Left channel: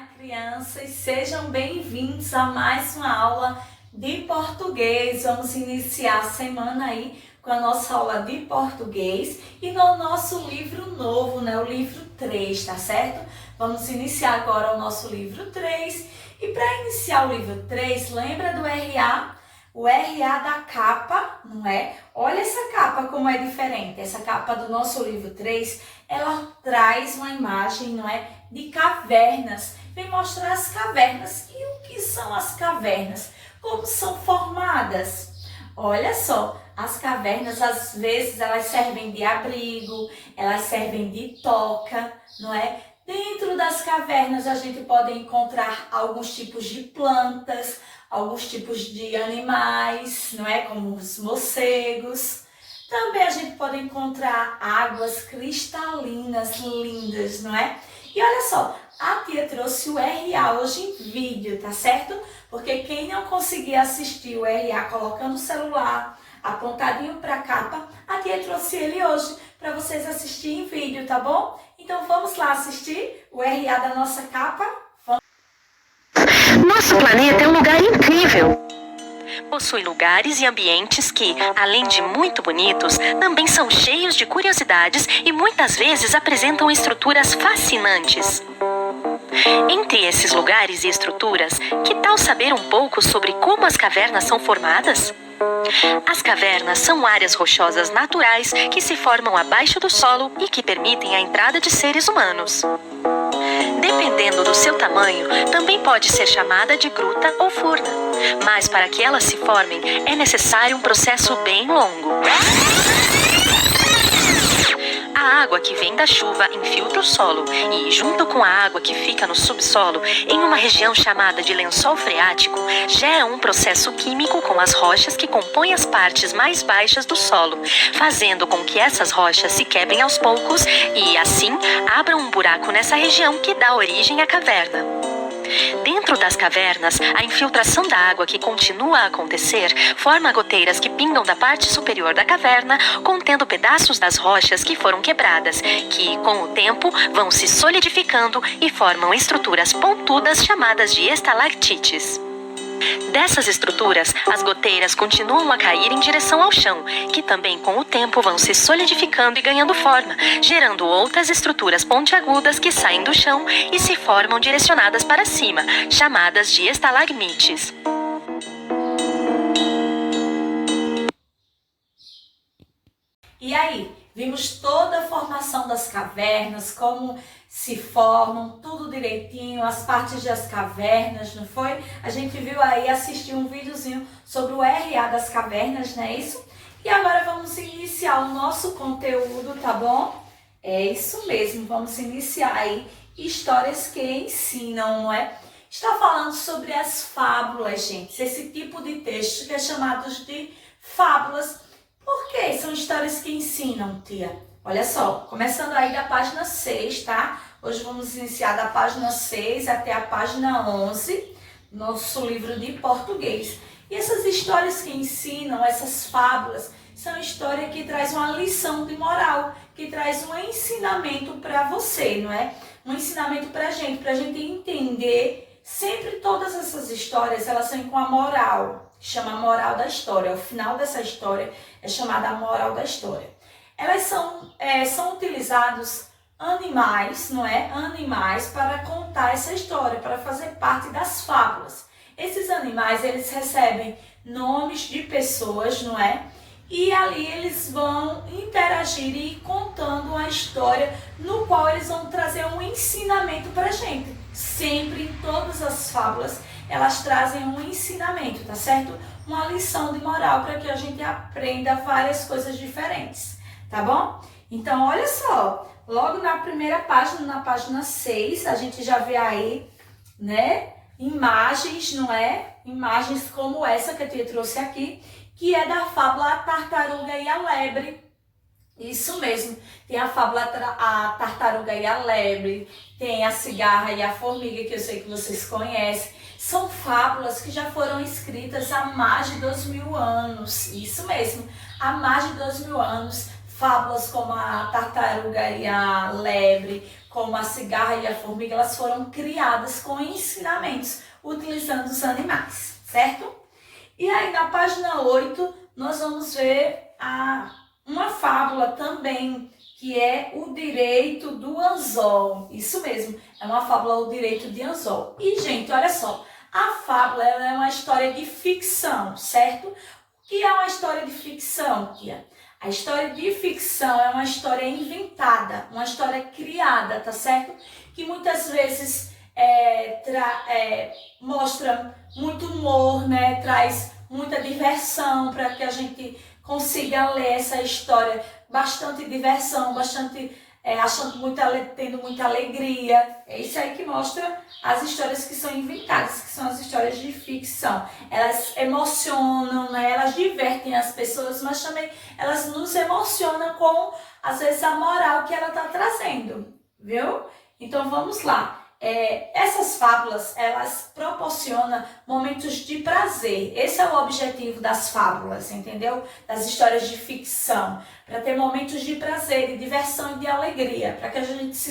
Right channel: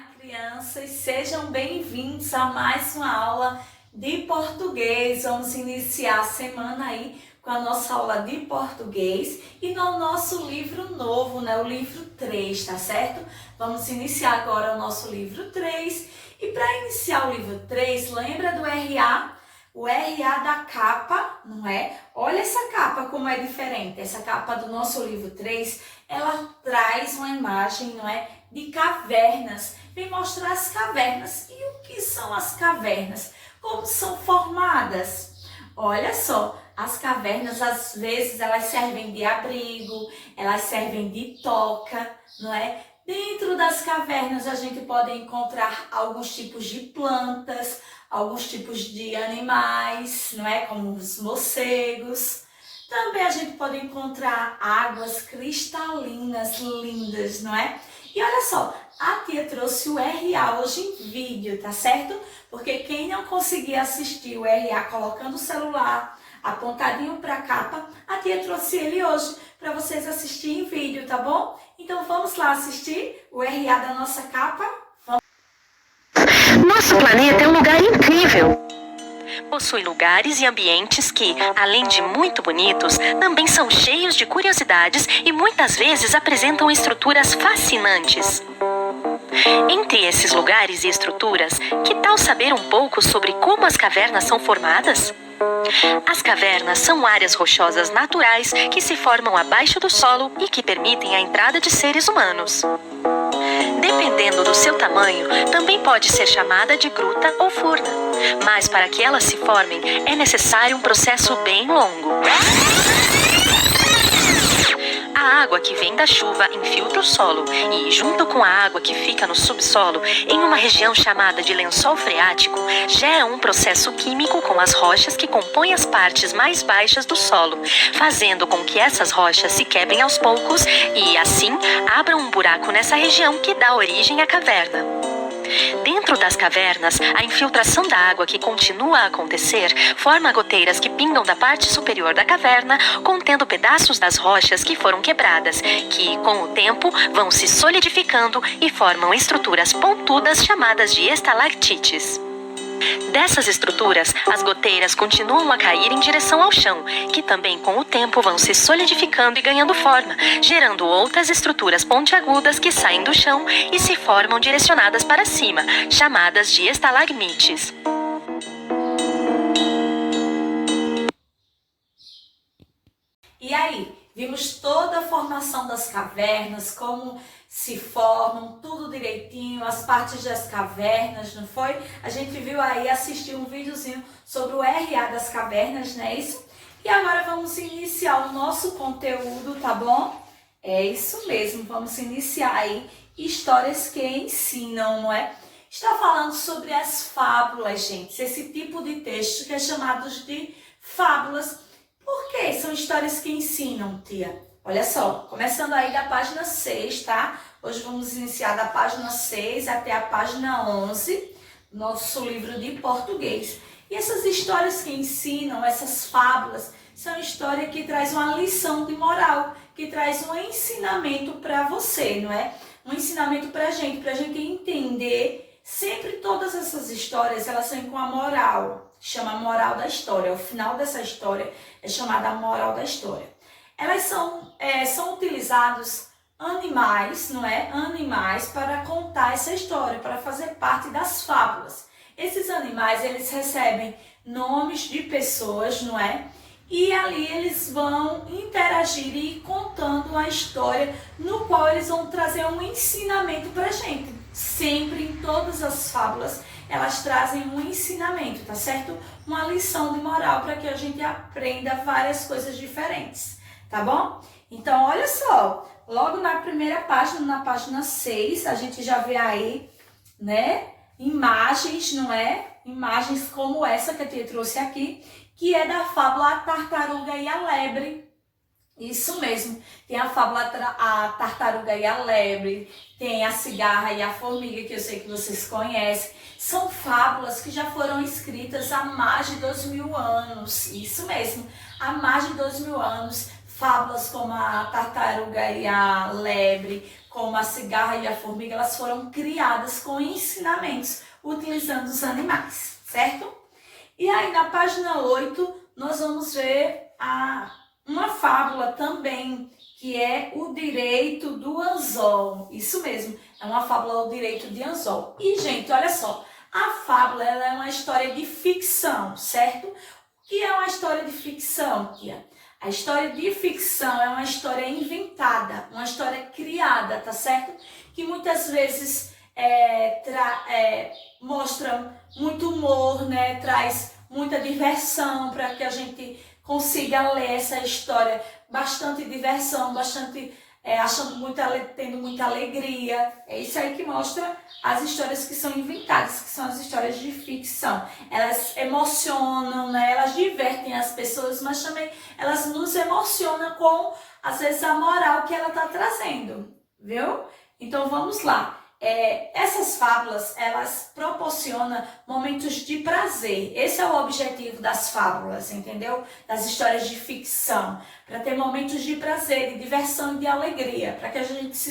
Olá, crianças, sejam bem-vindos a mais uma aula de português. Vamos iniciar a semana aí com a nossa aula de português e no nosso livro novo, né? O livro 3, tá certo? Vamos iniciar agora o nosso livro 3 e para iniciar o livro 3, lembra do RA? O RA da capa, não é? Olha essa capa como é diferente. Essa capa do nosso livro 3, ela traz uma imagem, não é? De cavernas. Vem mostrar as cavernas. E o que são as cavernas? Como são formadas? Olha só, as cavernas às vezes elas servem de abrigo, elas servem de toca, não é? Dentro das cavernas a gente pode encontrar alguns tipos de plantas, alguns tipos de animais, não é? Como os morcegos. Também a gente pode encontrar águas cristalinas lindas, não é? E olha só, a tia trouxe o RA hoje em vídeo, tá certo? Porque quem não conseguir assistir o RA colocando o celular apontadinho para a capa, a tia trouxe ele hoje para vocês assistirem em vídeo, tá bom? Então vamos lá assistir o RA da nossa capa? Nosso planeta é um lugar incrível. Possui lugares e ambientes que, além de muito bonitos, também são cheios de curiosidades e muitas vezes apresentam estruturas fascinantes. Entre esses lugares e estruturas, que tal saber um pouco sobre como as cavernas são formadas? As cavernas são áreas rochosas naturais que se formam abaixo do solo e que permitem a entrada de seres humanos. Dependendo do seu tamanho, também pode ser chamada de gruta ou furna. Mas para que elas se formem, é necessário um processo bem longo. A água que vem da chuva infiltra o solo e, junto com a água que fica no subsolo, em uma região chamada de lençol freático, gera um processo químico com as rochas que compõem as partes mais baixas do solo, fazendo com que essas rochas se quebrem aos poucos e, assim, abram um buraco nessa região que dá origem à caverna. Dentro das cavernas, a infiltração da água que continua a acontecer forma goteiras que pingam da parte superior da caverna, contendo pedaços das rochas que foram quebradas, que, com o tempo, vão se solidificando e formam estruturas pontudas chamadas de estalactites. Dessas estruturas, as goteiras continuam a cair em direção ao chão, que também com o tempo vão se solidificando e ganhando forma, gerando outras estruturas pontiagudas que saem do chão e se formam direcionadas para cima, chamadas de estalagmites. E aí, vimos toda a formação das cavernas, como se formam, tudo direitinho, as partes das cavernas, não foi? A gente viu aí, assistiu um videozinho sobre o RA das cavernas, não é isso? E agora vamos iniciar o nosso conteúdo, tá bom? É isso mesmo, vamos iniciar aí histórias que ensinam, não é? Está falando sobre as fábulas, gente, esse tipo de texto que é chamado de fábulas. Por que são histórias que ensinam, tia? Olha só, começando aí da página 6, tá? Hoje vamos iniciar da página 6 até a página 11, nosso livro de português. E essas histórias que ensinam, essas fábulas, são histórias que trazem uma lição de moral, que traz um ensinamento para você, não é? Um ensinamento para gente entender. Sempre todas essas histórias, elas vêm com a moral, chama moral da história. O final dessa história é chamada a moral da história. Elas são utilizados animais, não é? Animais para contar essa história, para fazer parte das fábulas. Esses animais, eles recebem nomes de pessoas, não é? E ali eles vão interagir e contando uma história no qual eles vão trazer um ensinamento para a gente. Sempre, em todas as fábulas, elas trazem um ensinamento, tá certo? Uma lição de moral para que a gente aprenda várias coisas diferentes, tá bom? Então, olha só, logo na primeira página, na página 6, a gente já vê aí, né, imagens, não é? Imagens como essa que a tia trouxe aqui, que é da fábula A Tartaruga e a Lebre. Isso mesmo, tem a fábula A Tartaruga e a Lebre, tem a Cigarra e a Formiga, que eu sei que vocês conhecem. São fábulas que já foram escritas há mais de 2000 anos, isso mesmo, há mais de 2000 anos. fábulas como a tartaruga e a lebre, como a cigarra e a formiga, elas foram criadas com ensinamentos utilizando os animais, certo? E aí na página 8 nós vamos ver uma fábula também, que é o direito do anzol. Isso mesmo, é uma fábula, o direito de anzol. E gente, olha só, a fábula ela é uma história de ficção, certo? O que é uma história de ficção, Tia? A história de ficção é uma história inventada, uma história criada, tá certo? Que muitas vezes mostra muito humor, né? Traz muita diversão para que a gente consiga ler essa história. Bastante diversão, bastante tendo muita alegria. É isso aí que mostra as histórias que são inventadas, que são as histórias de ficção. Elas emocionam, né? Elas divertem as pessoas, mas também elas nos emocionam com, às vezes, a moral que ela está trazendo, viu? Então vamos lá. Essas fábulas, elas proporcionam momentos de prazer. Esse é o objetivo das fábulas, entendeu? Das histórias de ficção, para ter momentos de prazer, de diversão e de alegria, para que a gente se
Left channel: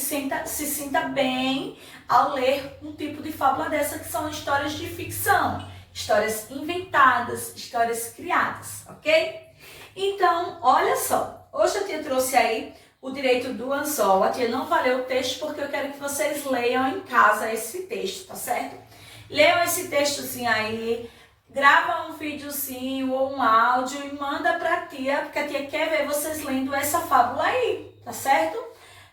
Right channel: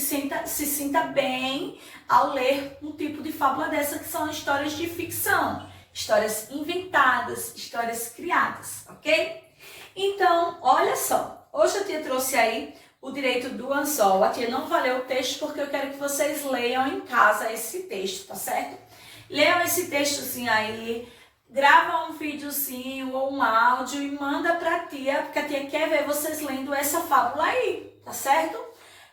sinta bem ao ler um tipo de fábula dessa, que são histórias de ficção, histórias inventadas, histórias criadas, ok? Então, olha só, hoje a tia trouxe aí o direito do anzol. A tia não vai ler o texto porque eu quero que vocês leiam em casa esse texto, tá certo? Leiam esse textozinho aí, grava um videozinho ou um áudio e manda pra tia, porque a tia quer ver vocês lendo essa fábula aí, tá certo?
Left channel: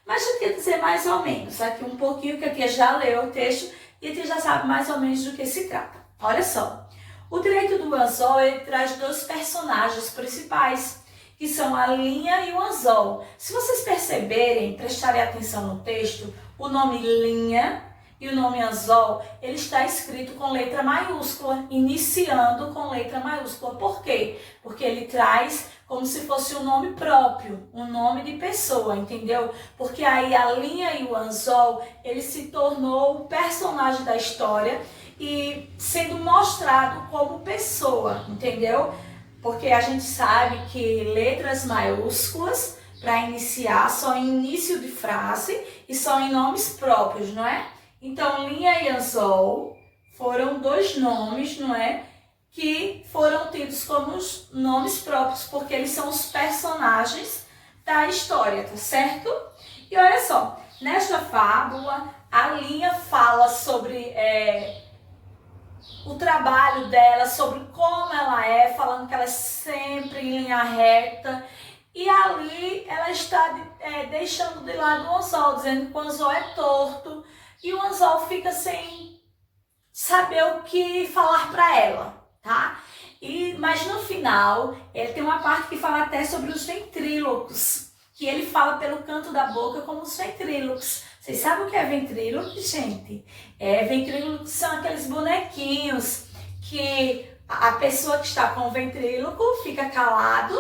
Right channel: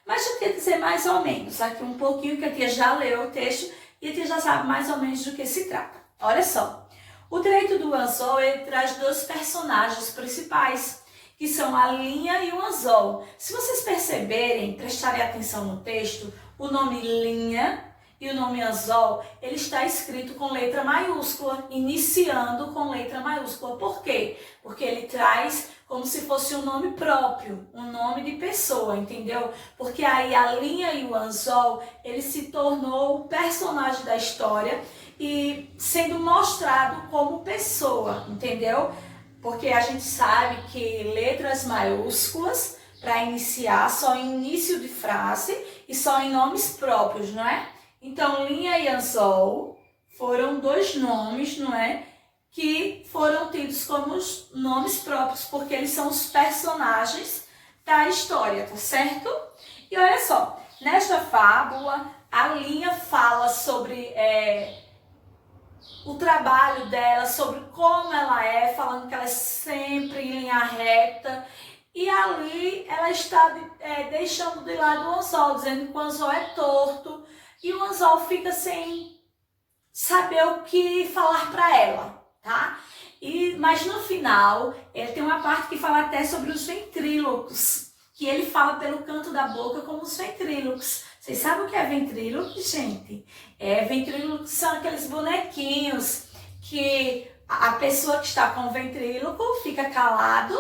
Mas eu queria dizer mais ou menos, aqui um pouquinho, que a tia já leu o texto e a tia já sabe mais ou menos do que se trata. Olha só, o direito do anzol, ele traz dois personagens principais, que são a linha e o anzol. Se vocês perceberem, prestarem atenção no texto, o nome linha e o nome anzol, ele está escrito com letra maiúscula, iniciando com letra maiúscula. Por quê? Porque ele traz como se fosse um nome próprio, um nome de pessoa, entendeu? Porque aí a linha e o anzol, ele se tornou o personagem da história e sendo mostrado como pessoa, entendeu? Porque a gente sabe que letras maiúsculas, para iniciar, só em início de frase e só em nomes próprios, não é? Então, linha e anzol foram dois nomes, não é? Que foram tidos como os nomes próprios, porque eles são os personagens da história, tá certo? E olha só, nesta fábula, a linha fala sobre o trabalho dela, sobre como ela é, falando que ela é sempre em linha reta. E ali ela está deixando de lado o anzol, dizendo que o anzol é torto. E o anzol fica sem saber o que falar para ela, tá? Mas no final, ele tem uma parte que fala até sobre os ventrílocos, que ele fala pelo canto da boca como os ventrílocos. Vocês sabem o que é ventríloco, gente? Ventrílocos são aqueles bonequinhos que a pessoa que está com o ventríloco fica calado,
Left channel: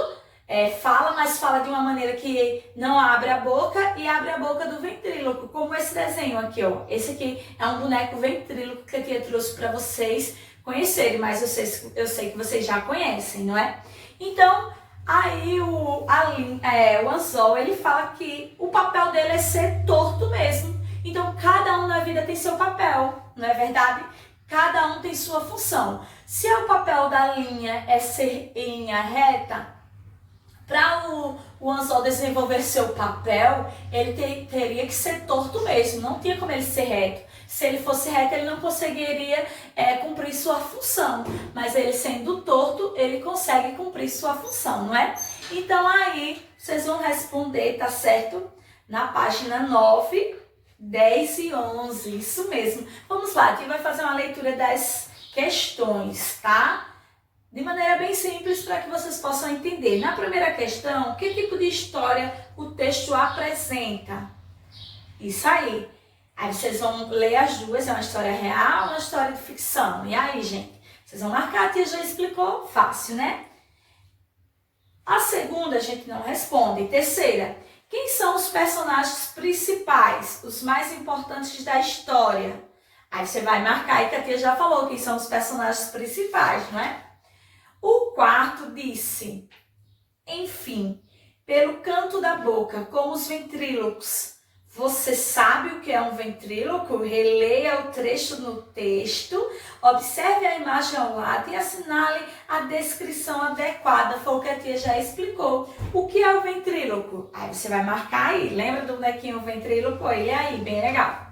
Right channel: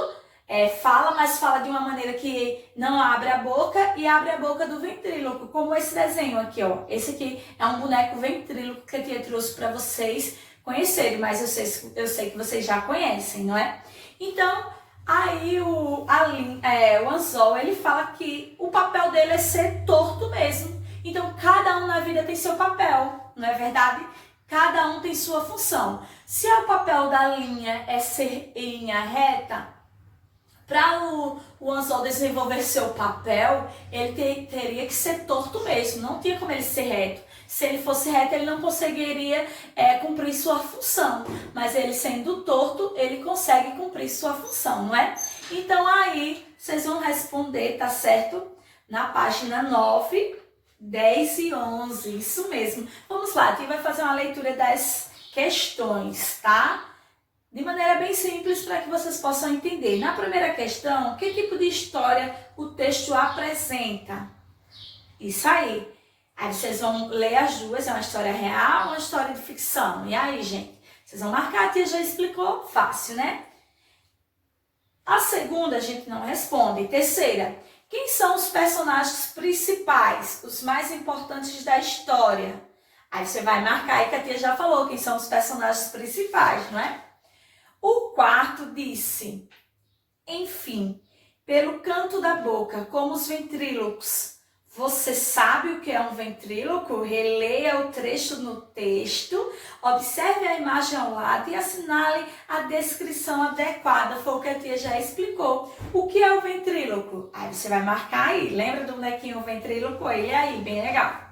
fala, mas fala de uma maneira que não abre a boca e abre a boca do ventríloco, como esse desenho aqui, ó. Esse aqui é um boneco ventríloco que a tia trouxe para vocês conhecerem, mas eu sei que vocês já conhecem, não é? Então, aí o anzol, ele fala que o papel dele é ser torto mesmo. Então, cada um na vida tem seu papel, não é verdade? Cada um tem sua função. Se o papel da linha é ser linha reta, para o anzol desenvolver seu papel, ele teria que ser torto mesmo, não tinha como ele ser reto. Se ele fosse reto, ele não conseguiria cumprir sua função, mas ele sendo torto, ele consegue cumprir sua função, não é? Então aí, vocês vão responder, tá certo? Na página 9, 10 e 11, isso mesmo. Vamos lá, aqui vai fazer uma leitura das questões, tá? De maneira bem simples para que vocês possam entender. Na primeira questão, que tipo de história o texto apresenta? Isso aí. Aí vocês vão ler as duas, é uma história real ou uma história de ficção? E aí, gente? Vocês vão marcar aqui, já explicou? Fácil, né? A segunda a gente não responde. Terceira, quem são os personagens principais, os mais importantes da história? Aí você vai marcar aí que a tia já falou quem são os personagens principais, não é? O quarto disse, enfim, pelo canto da boca, como os ventrílocos. Você sabe o que é um ventríloco? Releia o trecho no texto, observe a imagem ao lado e assinale a descrição adequada. Foi o que a tia já explicou. O que é o ventríloco? Aí você vai marcar aí. Lembra do bonequinho ventríloco? Ele aí, bem legal.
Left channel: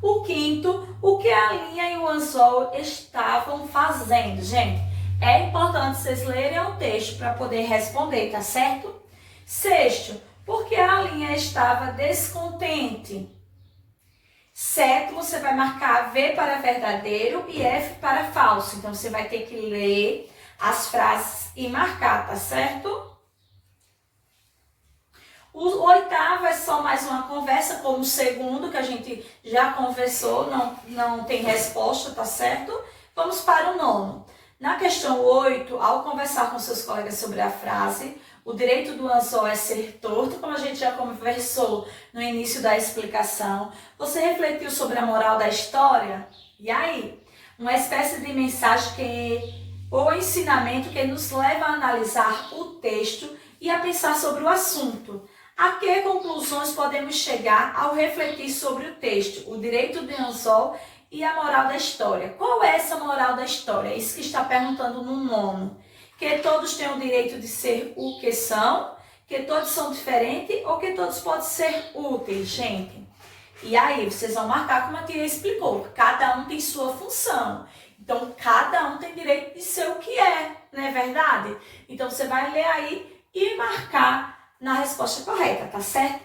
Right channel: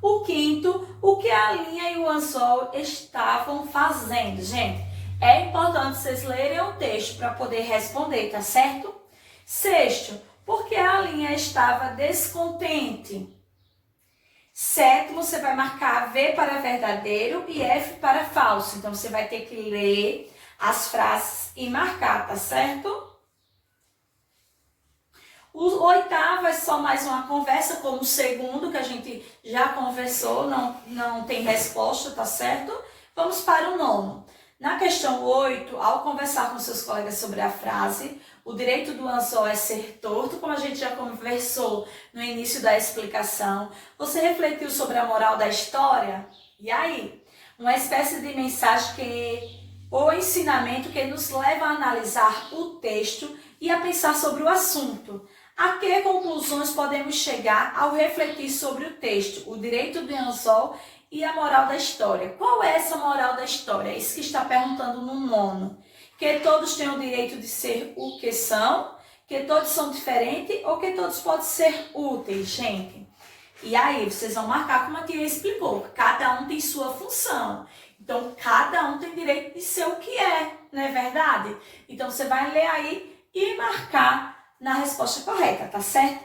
O quinto, o que a linha e o anzol estavam fazendo? Gente, é importante vocês lerem o texto para poder responder, tá certo? Sexto, porque a linha estava descontente. Sétimo, você vai marcar V para verdadeiro e F para falso. Então, você vai ter que ler as frases e marcar, tá certo? O oitavo é só mais uma conversa, como o segundo, que a gente já conversou, não tem resposta, tá certo? Vamos para o nono. Na questão 8, ao conversar com seus colegas sobre a frase, o direito do anzol é ser torto, como a gente já conversou no início da explicação. Você refletiu sobre a moral da história? E aí? Uma espécie de mensagem ou ensinamento que nos leva a analisar o texto e a pensar sobre o assunto. A que conclusões podemos chegar ao refletir sobre o texto, o direito do anzol e a moral da história? Qual é essa moral da história? É isso que está perguntando no nono. Que todos têm o direito de ser o que são, que todos são diferentes ou que todos podem ser úteis, gente. E aí, vocês vão marcar como a tia explicou. Cada um tem sua função. Então, cada um tem direito de ser o que é, não é verdade? Então, você vai ler aí e marcar na resposta correta, tá certo?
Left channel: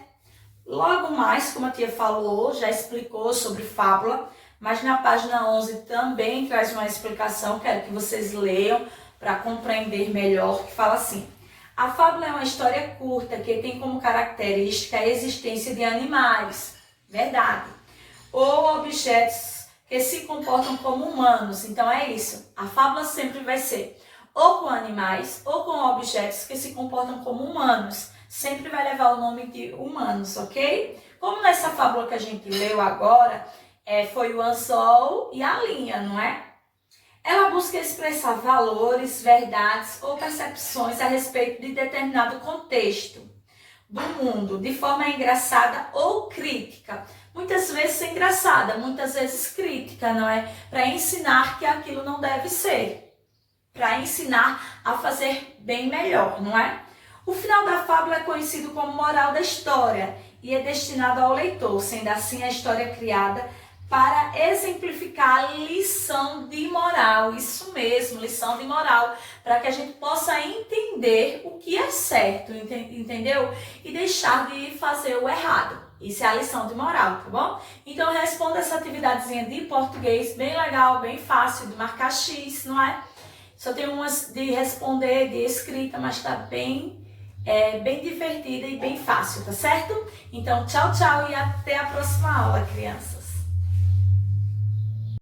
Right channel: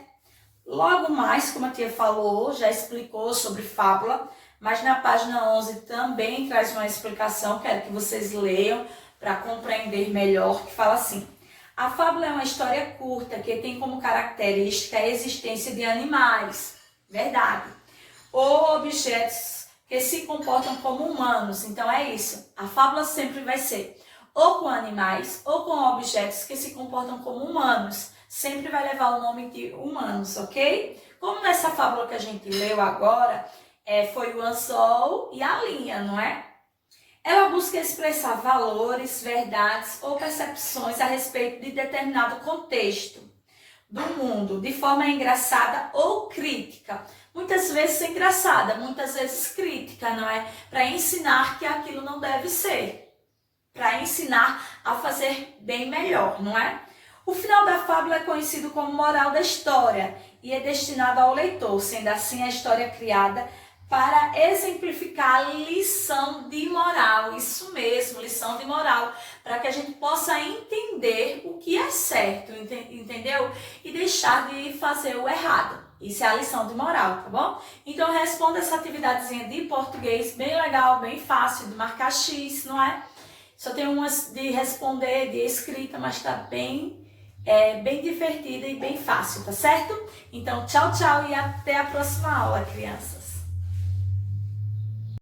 Logo mais, como a tia falou, já explicou sobre fábula, mas na página 11 também traz uma explicação, quero que vocês leiam para compreender melhor, que fala assim: a fábula é uma história curta que tem como característica a existência de animais, verdade, ou objetos que se comportam como humanos. Então é isso, a fábula sempre vai ser ou com animais ou com objetos que se comportam como humanos. Sempre vai levar o nome de humanos, ok? Como nessa fábula que a gente leu agora, foi o anzol e a linha, não é? Ela busca expressar valores, verdades ou percepções a respeito de determinado contexto do mundo, de forma engraçada ou crítica. Muitas vezes engraçada, muitas vezes crítica, não é? Para ensinar que aquilo não deve ser. Para ensinar a fazer bem melhor, não é? O final da fábula é conhecido como moral da história e é destinado ao leitor, sendo assim a história criada para exemplificar a lição de moral. Isso mesmo, lição de moral, para que a gente possa entender o que é certo, entendeu? E deixar de fazer o errado. Isso é a lição de moral, tá bom? Então responda essa atividadezinha de português, bem legal, bem fácil, de marcar X, não é? Só tem umas de responder, de escrita, mas tá bem divertida e bem fácil, tá certo? Então, tchau, tchau e até a próxima aula, crianças!